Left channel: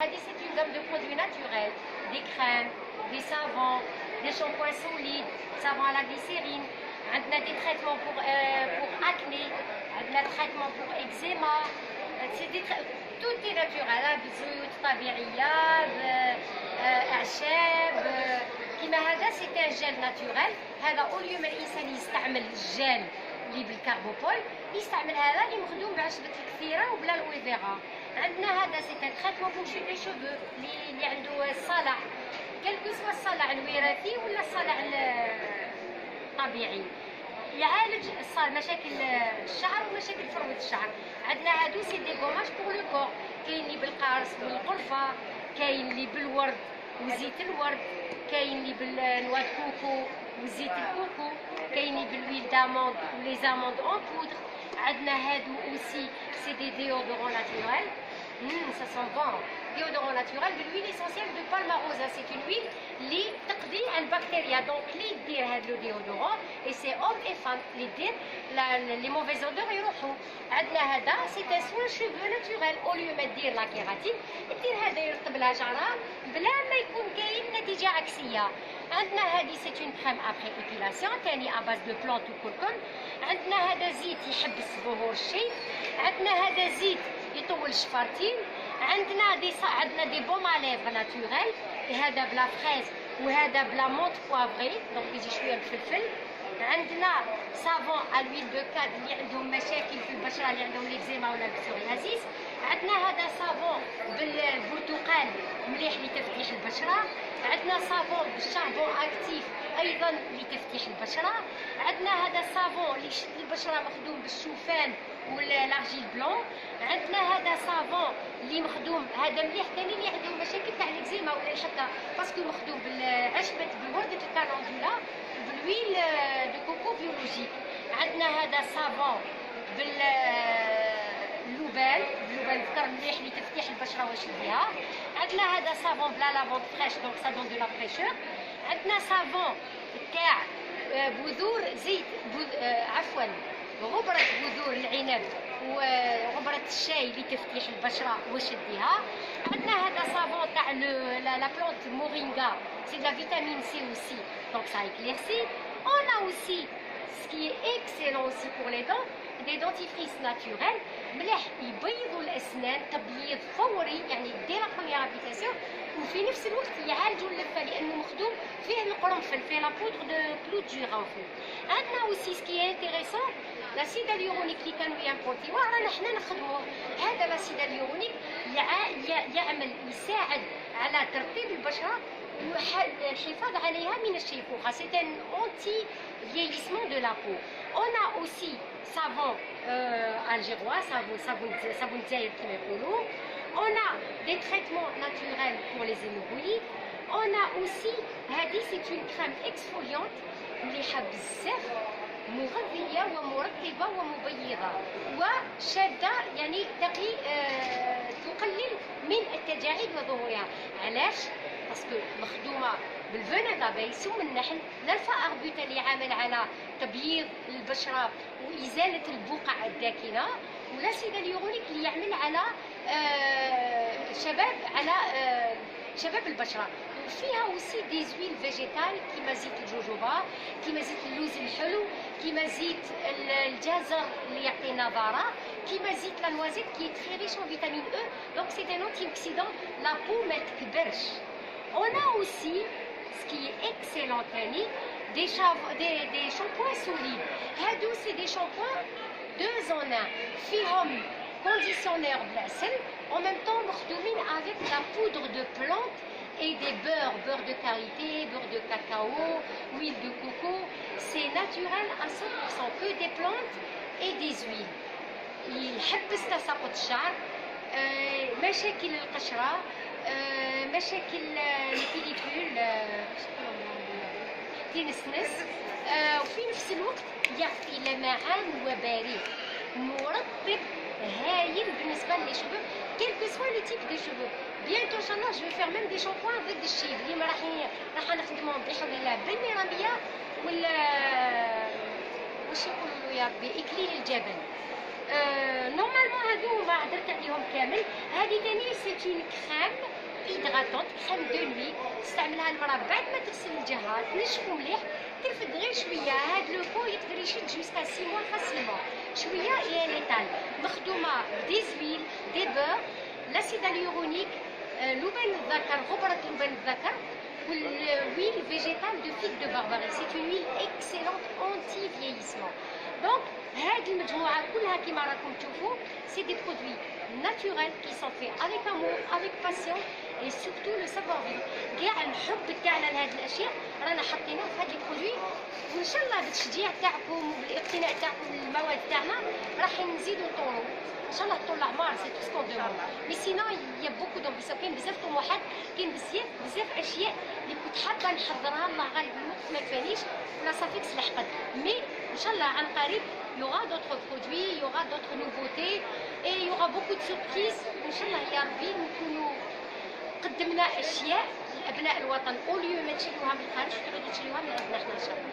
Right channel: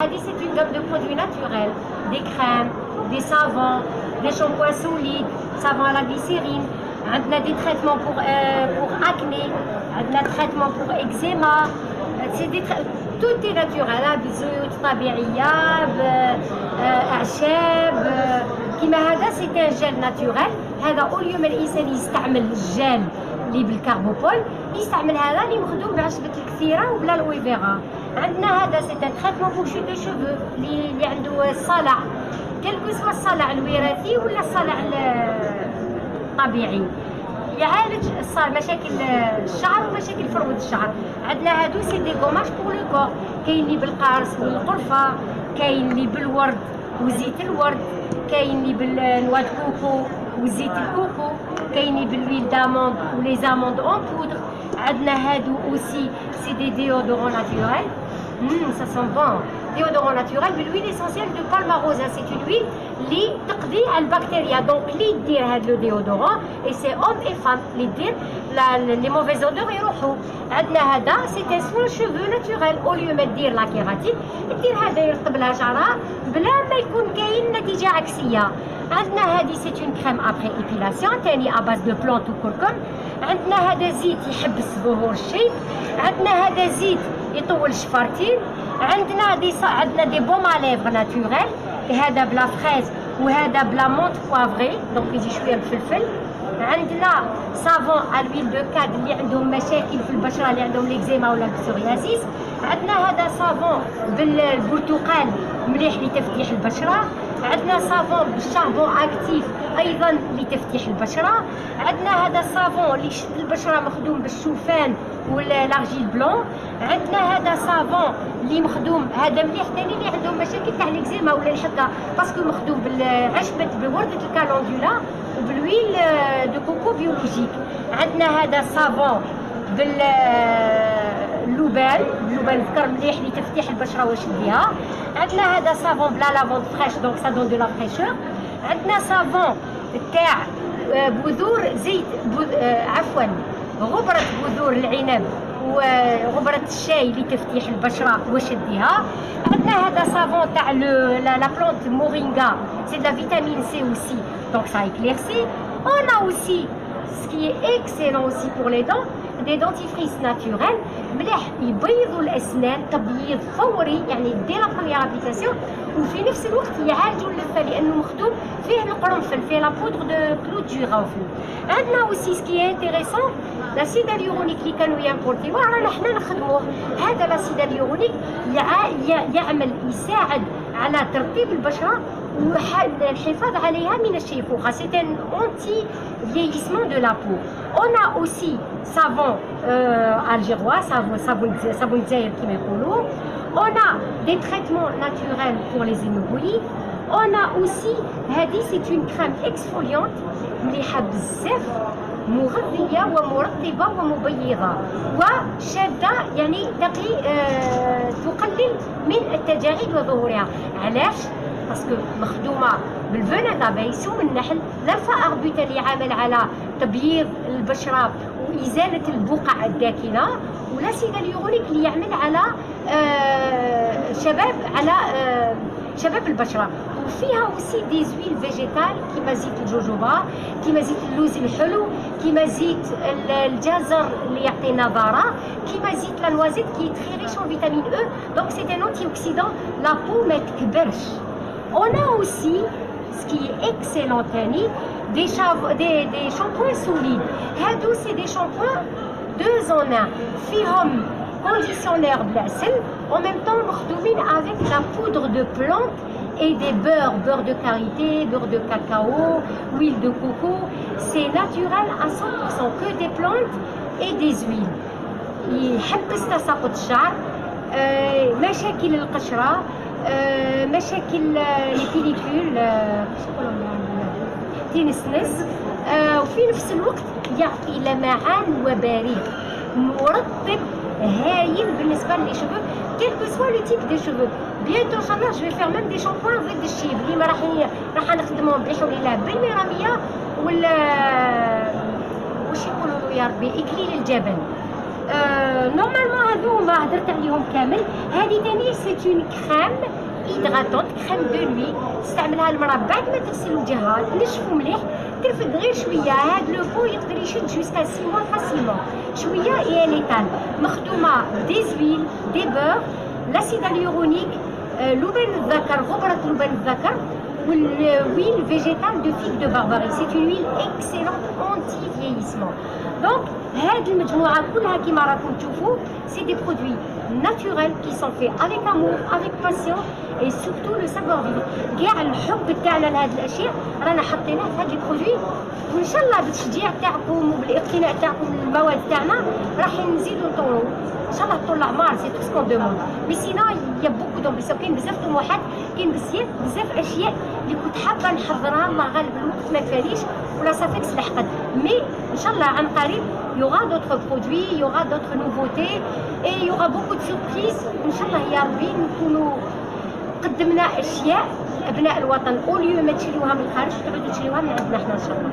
C'est une gamme de produits naturels, des crèmes, des savons, des shampoings solides, savons à la glycérine. On a des traitements pour acné, on a des traitements pour eczéma. Tout est naturel, بزيوت طبيعية بأعشاب كيما هذا سي ان جيل ناتورال. هذا اوليو ما الانسان يستعمل الجيل اللي بالكربوبول يستعمل هذا اللي مخدوم بعشبة الكثيرة وبلا الويفيرا. عندنا هذا سي ان تريتمون بور شو دي شوفو اللي عنده الصلع كلكو سوا الصلع الوراثي ولا الصلع الطبيعي، يعالج مشاكل الشعر ومشاكل فروة الشعر. عندنا هادو سي دي غوماج بور لو كور، كاين اللي بالقرص والقرفة، كاين اللي بالورد وزيت الورد، كاين اللي بالنوا كوكو وزيت الكوكو، كاين اللي بالويل داموند ولي زاموند اون بودر. عندنا هادو اوسي سي دي ديودورون ناتورال. Ça sent bon. Déodorant naturel بالhuile essentielle de palmarosa. C'est une huile اللي تقضي على البكتيريا. دونك اللي يدير هذا لو ديودورون اي سي اوم اي فام اللي يدير لي موفيز اودور يروحوا. عندنا هذا سي ان سوان شوفو ناتورال. اوليو ما دير لا كيراتين دير هذا يرطب لها شعرها بلا ما يكون كاين نتيجه عكسيه. عندنا هذه سي اون كريم ابري ايبيلاسيون تاني اباز دو بلونت وكركم. عندنا هذا زيت يحبس ظهور الشيب. عندنا هذا زيت يطول الشفارتين. عندنا دي بوم على ليفر ناتورال، هذا بلا فريز وهذا بلا مونت بوافري دونك يجي شويه بالفلفل. عندنا صابون الويل دو كاد اللي عندهم مشاكل في البشره اللي عندهم ليكزيما ولا البسوريازيس. عندنا هذا صابون بالبرتقال مليح لتفتيح البشره. عندنا صابون بالشامبو اكتيف ايضا لتفتيح البشره. عندنا هذا الصابون اللي يشد البشره مخدوم بالشوفان ولا لارجيل بلون. عندنا هذا صابون اللي مخدوم هذا مليح ثاني اللي عندهم مشاكل تاع ليكزيما ولا الحكه باسكو مخدوم بالعشبه بورده الكالندولا وبالويل دو كوكو بيولوجيك. عندنا هذا صابون باللوبان الذكر مليح لتفتيح البشره وشديها. عندنا هذا صابون بلا لافوند فريش دونك سا دون دو لا فريشور. عندنا صابون تاع بذور زيت عفوا غبرة بذور العنب وغبرة الشاي لتفتيح البشرة وشدها. عندنا هذا صابون تاع لا بلونت مورينغا سي de la vitamine C aussi donc ça éclaircit. On a aussi ce qui est excellent aussi pour les dents des dentifrices naturels مليح يبيضوا الاسنان تبييض فوري يعني دي لا بروميير ابليكاسيون وفي نفس الوقت يعالجوا اللثه لانه مخدوم فيه القرنفل فيه لا بودر دو كلود جيرانفل. عندنا اوسي سكي انتريسون لاسيد اليورونيك اللي كانوا يامبورتيوه رانا حنا نخدموه. هذا لاسيد اليورونيك يعمل يساعد على ترطيب البشره والحفاظ عليها من الشيخوخه. سي ان اونتي فييسمون دو لا بو. On a aussi savon algérois, savon دجاير كما يقولوا. On a des traitements naturels pour les hémorroïdes. On a aussi هذه c'est une crème exfoliante مليحه بزاف مغذيه ومرطبه ومبيضه وشاده يعني تقلل من التجاعيد وظهورها. علاش؟ باسكو مخدومه بالفنان دابي سم النحل لا الفأربوت اللي عامل على تبييض البشره وازاله البقع الداكنه ولا سيد اليورونيك اللي يعمل على شباب البشره. وفيها اوسي دي زويل فيجيتال كيما زيت الجوجوبا كيما زيت اللوز الحلو كيما زيت الجزر اللي يعطي نضاره كيما زيت لا نوازيت كي تري ريش اون فيتامين او دونك سي ان انتي اوكسيدون لا بو ما تكبرش. On a aussi ce qui est excellent تاني des shampoings solides. هادو سي دي shampoings 2 en 1 فيهم كونديسيونير بالعسل en même temps مخدومين avec la poudre de plante et des beurre de karité, beurre de cacao, huile de coco. C'est naturel à 100% que des plantes et des huiles. يحبس تساقط الشعر، مشاكل القشرة، مشاكل البيليكول تنسنس، وفي نفس الوقت يعطي لمعان وبريد مرطب هايل بالنسبه لي شوفو كيل كو سوا لو تيب دي شوفو. بيانتو ان شاء الله جو فيغ ميم دي شامبوان ضد الشيب اللي ما راح نخدمهم بحول الله بالميراميه ولا واش يقولوا له يا ربي اكليل الجبل نورمالمون هادو ما هدرت عليهم كامل. هذه ثاني سي اون كريم هيدراتونت، كريم دو نوي تستعملها المراه بعد ما تغسل وجهها تنشفو مليح، ترفد غير شويه. هاد لو بو يقدر يشد جوسكا 6 موا فاسيلمون، شويه اي ليتال، مخدومه دي زويل دي بور، لاسيد هيالورونيك، لبن الذكر، غبره لبن الذكر، والويل فيجيتال دو فيك دو بارباري. سي اون ويل اكسيلونت اونتي فييسمون. دونك هاد المجموعه كلها كيما راكم تشوفوا سي دي برودوي naturels qui sont faits avec amour, avec passion et surtout le savoir vivre. كاع الحب تاعنا لهاد الاشياء رانا حاطينه في هاد لي برودوي، وان شاء الله بالتشجيع تاعكم وبالاقتناء تاعكم للمواد تاعنا راح نزيدوا نطوروا ان شاء الله طول الاعمار. سي تو سكون دوموند. مي سينو يا بوكو دومبيسيون، كاين بزاف طموحات، كاين بزاف اشياء اللي كنت حابه نحضرها، الله غالب الوقت ما تفاليش ولا صافيكس لحقت. مي ان شاء الله عن قريب il y aura d'autres produits, il y aura d'autres nouveautés et il y aura beaucoup de surprises. ان شاء الله يا ربي نكونوا قدمنا اشياء ابناء الوطن اوليو ما تشريوها من الخارج تعودوا تشريوها من عندنا حنا ان شاء الله.